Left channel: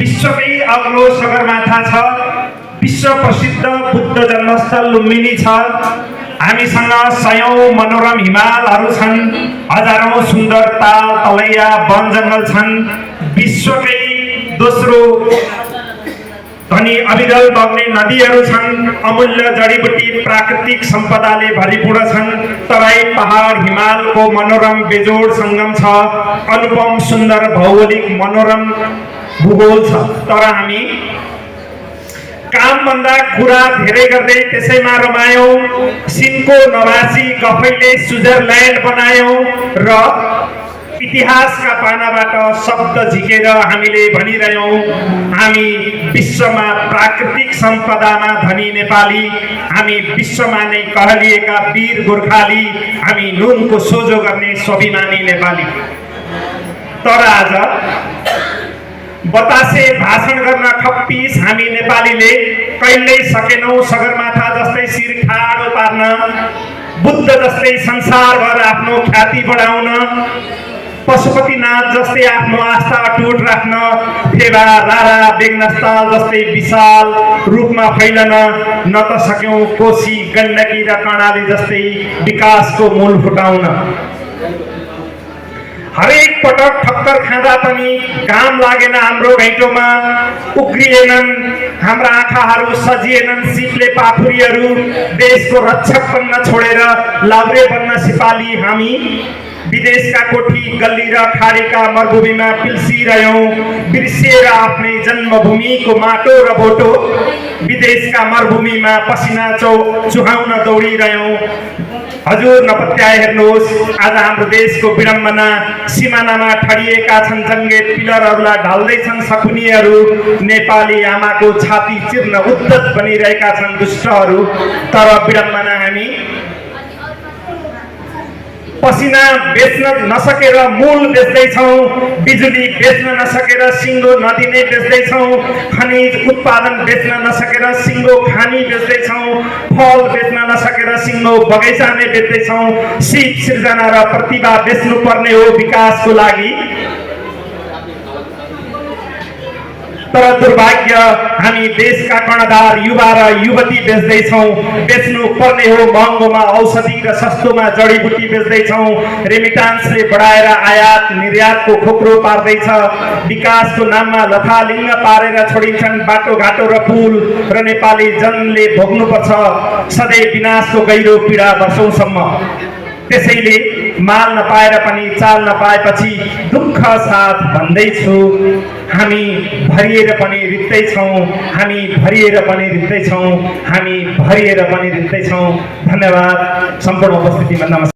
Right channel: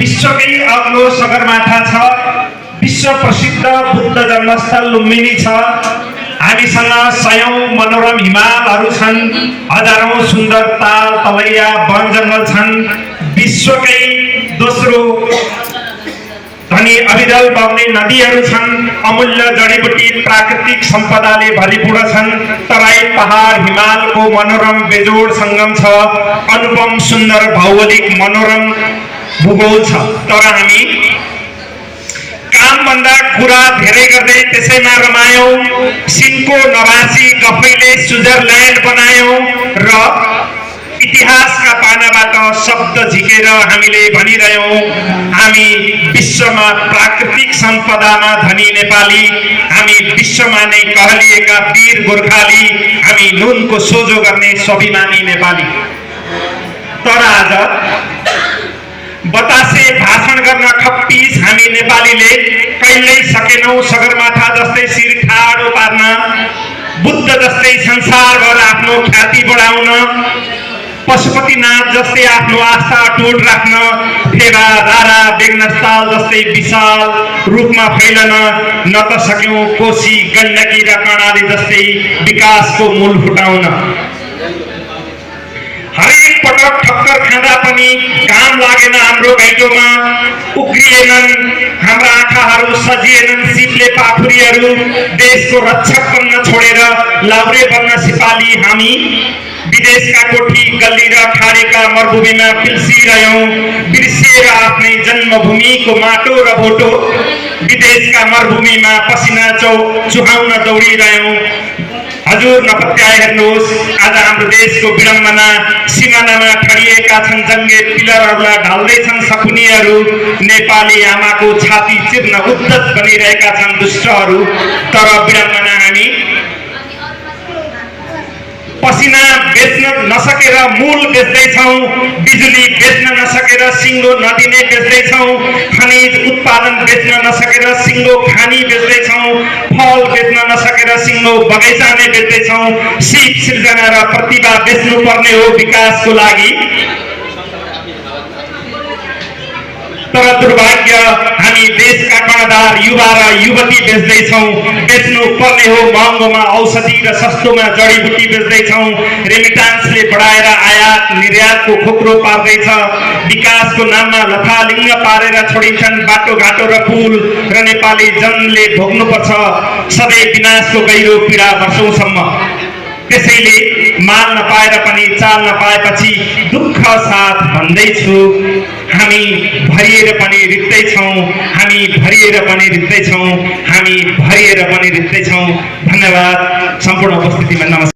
विश्वकै अग्लो सगरमाथा छ, विश्व प्रसिद्ध बुद्ध जन्मस्थल लुम्बिनी छ। हामीसँग सयौं मनोरम हिमालहरू छन्, हजारौं सुन्दर ताल तलैया वन जङ्गल छन्। विश्वकै दोस्रो धनी अविरल बग्ने नदीहरू छन्, अमूल्य जडीबुटी प्राकृतिक सम्पदाले भरिपूर्ण छन्। तराई पहाड हिमालको मनोरम बेजोड सङ्गम छ, अनुपम सुन्दर भौगोलिक मनोरम भूगोल छ। तर हामी कामभन्दा कुरा धेरै गर्दै त्यसैमा रमायौं, सिनको नवासी गफैले स्विजरल्यान्ड बनायौं र इतिहासका पानाबाट शब्द झिकेर हामीले भनिरह्यौं, हामी विश्वमा प्राकृतिक सम्पदामा धनी नेपाली, हामी विश्वमा नै कहलिएका वीर गोर्खाली, हामी नुनको सोझो गर्ने स्वाभिमानी नेपाली। तर आज बतासे भाषण गर्न खप्पिस हामी नेपालीले कहिल्यै सकेनौं सगरमाथा जस्तै शिर ठाडो पार्न, बुद्ध जस्तै संसारभर आफ्नो ख्याति बढाउन, पशुपतिनाथ जस्तै आफ्नो आस्था अटुट राख्न, फेवा रारा बेगनस्थल जस्तै विशाल रूपमा फैलन न त सक्यौं कोशी गण्डकी र कर्णाली जस्तै विकासको मूल फुटाउन। हरेक पटक ठक्कर खाँदा पनि घाम लागेन हाम्रो घैँटोमा, उक्रिएनन् हाम्रा आँखाहरू, सजिएनन् शीतले पाखुरीहरू। देशको रक्षक बन्न छोडेर लाउरे बन्न सिपाली हामी, विदेशका कोठी गल्ली र खाडीका मरुभूमिमा पिल्सिरह्यौं, बिर्सिएर आफ्नै जन्मभूमिको माटो र भोटो। विदेशका मरुभूमिमा पसिना चुहाउन दौडिरह्यौं। हजुर नपत्याए हेर्नुहोस्, आज हाम्रो देशको विडम्बना सिमानामा ठडिएका छन् जङ्गे पिलरहरूलाई ढल्दैछन् सकुनीहरू। नेपाली आमाको छाती चिर्न उद्धत बनिरहेका छन् दुष्टहरू। तर विडम्बना हामी पसिना बेच्न नसकेर मूल बेच्दैछौँ, बिजुली बेच्न नसकेर सिङ्गो नदी नै बेच्दैछौँ, खनिज उत्पादन बेच्न नसकेर सिङ्गो खानी बेच्दैछौँ, फल बेच्न नसकेर सिङ्गो बगैँचा नै बेच्दैछौँ। सिप सिर्जना र प्रतिभा बेच्नुपर्ने हो विकासको लागि। तर दुर्भाग्य हामी देशका कर्णधार युवा र युवती बेच्दैछौँ। बेच्नु पर्ने हो महँगोमा औषधि र सस्तोमा जडीबुटी बेच्दैछौँ। रेमिटान्सले बढाएर आयात निर्यातको खोक्रो पार्दैछ। विकासको नाममा लथालिङ्ग पारेर छोडिन्छन् बाटोघाटो र पुल, र नेपाली जनले भोग्नुपर्छ सधैँ विनाशको गहिरो पीडा वर्षौंसम्म। त्यसैले माल नपाएर पनि चाल नपाएपछि दुःख साथ भन्दैछु, हामी भरिएर पनि रित्दैछौँ, हामी भरिएर पनि रित्दैछौँ, हामी भरिएर पनि रित्दैछौँ। धन्यवाद। सम्पूर्ण उपस्थितिमा नमस्कार।